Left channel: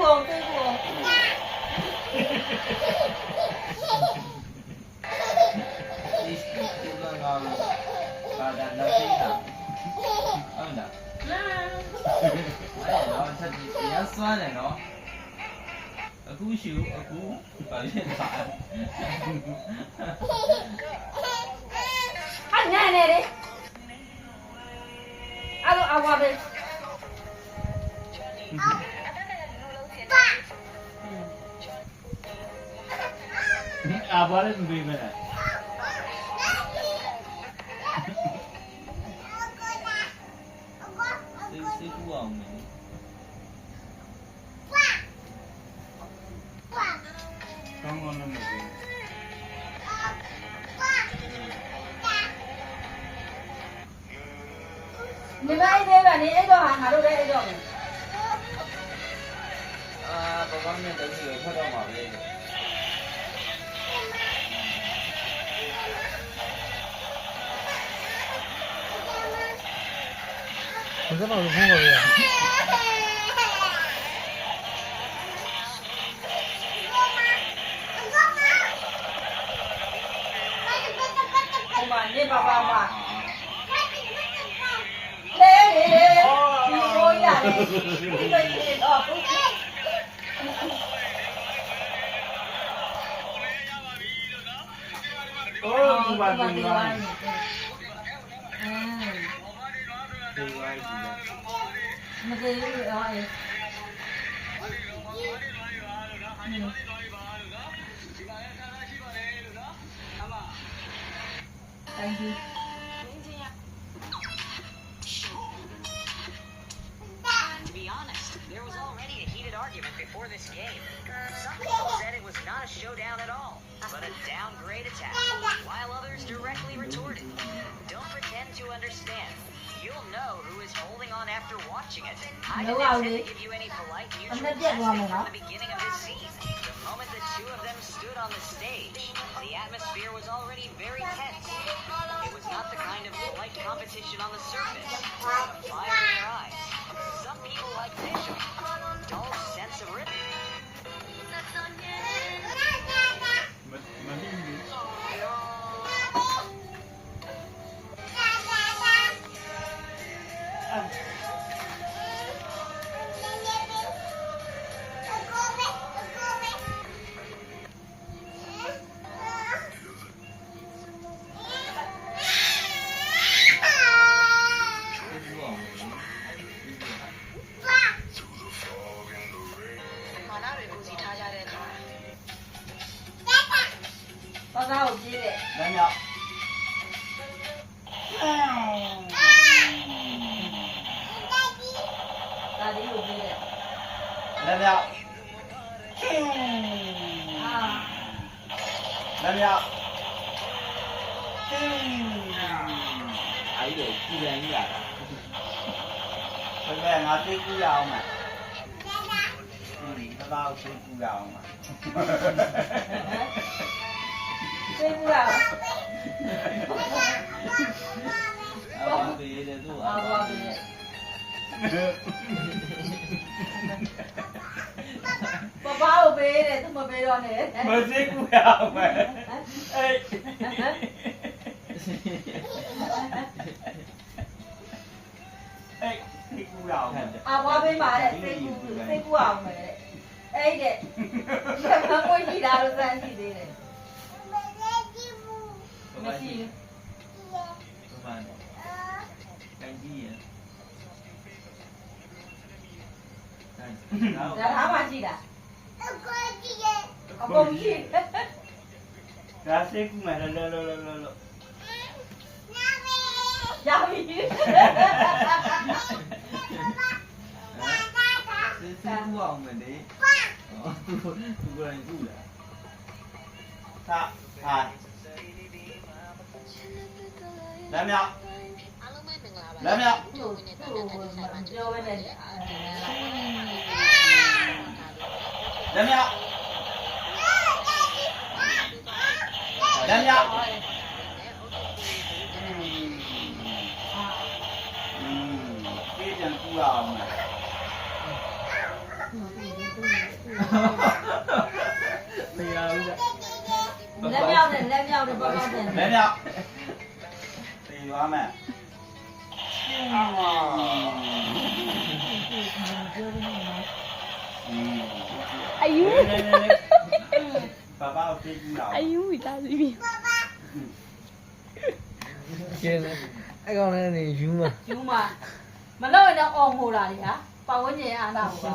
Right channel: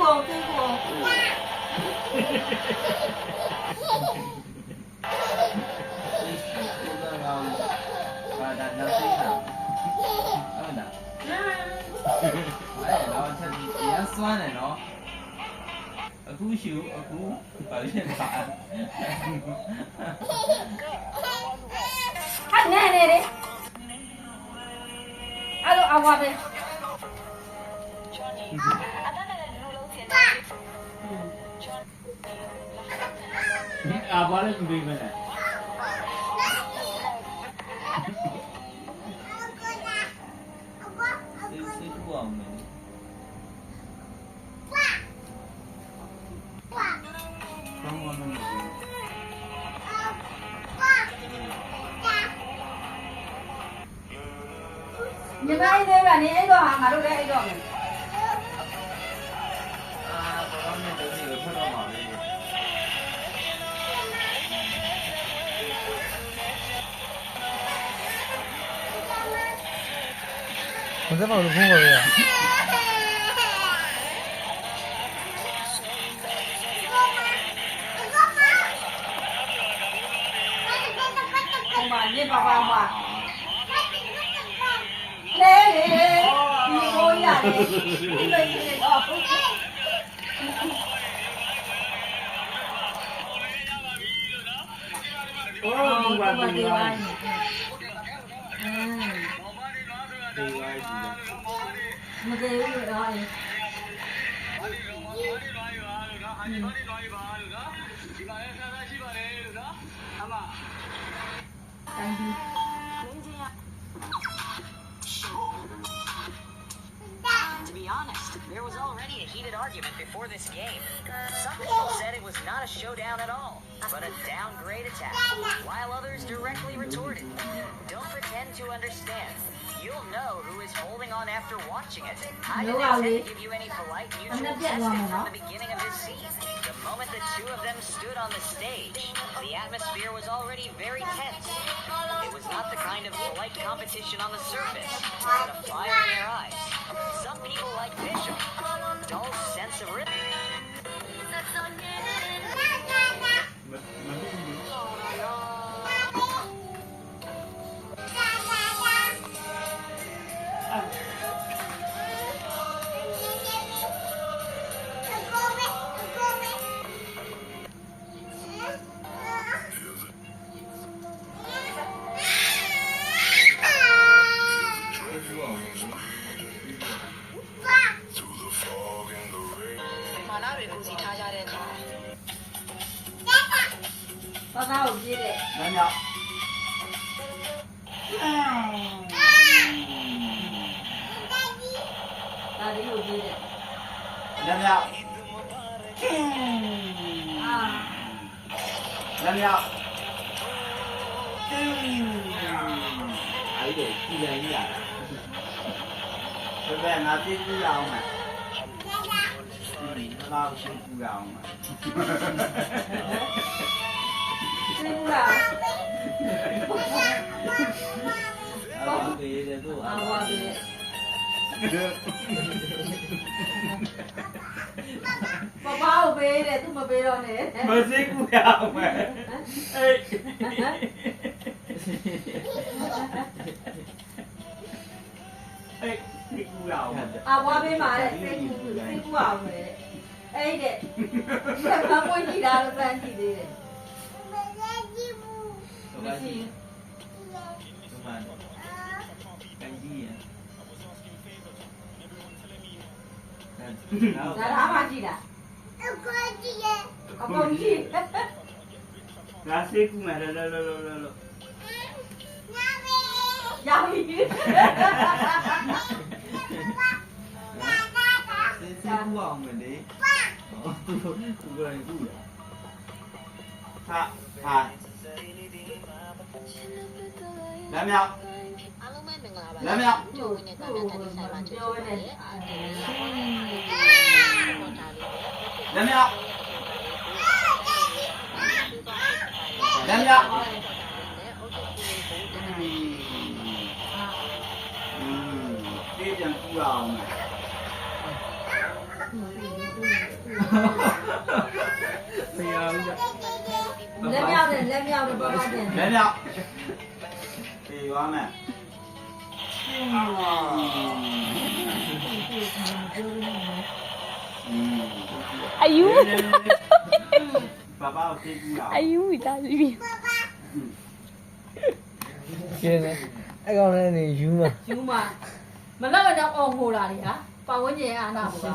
ဘူးသေးဘူးဘာသာလက်သေးတာဟုတ်လားအဲ့တော့ချက်ရမ်းစွမ်းတယ်နော်အခုရှူအခုဘာဖြစ်လဲဟာနဲနေလေအဲ့လိုအဝါပဲအာဘာလဲမပြီးမလားစိတ်ကူအောင်မယ်ကောင်းကောင်းနဲ့မပြီးညီမအိတ်သေးကနေအိတ်တော့ဟာငါတို့လည်းအိတ်တော့မယ်ဘာကောင်းနဲ့တူလို့ထွက်တော့မှာပဲ你在哪里碰到的呀？ဟိုမှာနေပါပါမှာလေလေလေဒီကိုရတယ်ဒီလိုနေတော့ အိုးဒီပါဒီပါဒီပါဒီမသေးဘူးတော့အေးThank you. To be honest, there was already a heated argument before this game. Some people said it was not a showdown at all, but a downgrade attack, while others directly retorted. Don't pretend to understand. You'll know who is holding on after watching it. I didn't intend to give you any polite mutual testing from the beginning of this scene. The moment the two of them stood on the stage, the atmosphere was already very tense. It was not the kind of polite competition on the surface, but a fire in their eyes. Some people like Bishop, dull sense of rhythm. မပြီးဘူး ဘာသာကိုပြေးတယ် လမ်းမြောက် ဒါလေးကိုပြေးတယ် လမ်းမြောက် အာ လမ်းမြောက်အဲ့ဒီကြည်လည်ကြီးလာဘယ်ငါသိကူရအောင်မယ်ဘာလို့သိကူရအောင်မယ် ပြေးဘူးလား အော်ဘေးတဲ့သူ့ အာဝါပြေးဘာဘာကိုပေးတယ်သူမပေးတော့နဲ့ မသိကူရအောင်မယ်အေး အေးသိကူရအောင်မယ် အာဝါပေးပါတဲ့သိကူအောင်မယ်အဲ့တဲ့ဆက်မပွင့်ကြည့်တာလို့ဖန်စီသေးတယ် မရှိ မှန်တိုင်ကြီးရဒါသားမှရှိတာအကုန်ကြည့် ဒါစိတ်ကူမယ်လောလောလောလောလော ရပြီ စစ်ကူအောင်မယ်လေသူကိုယ်တိုင်ကူတာဟာလမ်းမြောက်လမ်းမြောက် ပြောပဲနဲ့ လမ်းမြောက်လမ်းမြောက်ပြေးပြန်ကူအောင်မယ် မရဘူးကြ လက်မြောက်တယ်ပပတင် လက်မြောက် တေးသွားမယ် အယူ 爸爸我飞机了 အယူမိသားစုကြီး ကျင်းတယ်အဲ့ကောင်လည်းနေယူမှာ ယူမမလောက်ရင်တော့အော်ငိုတာလေဟာပတ်ဝန်းကျင်အာနာဘူးက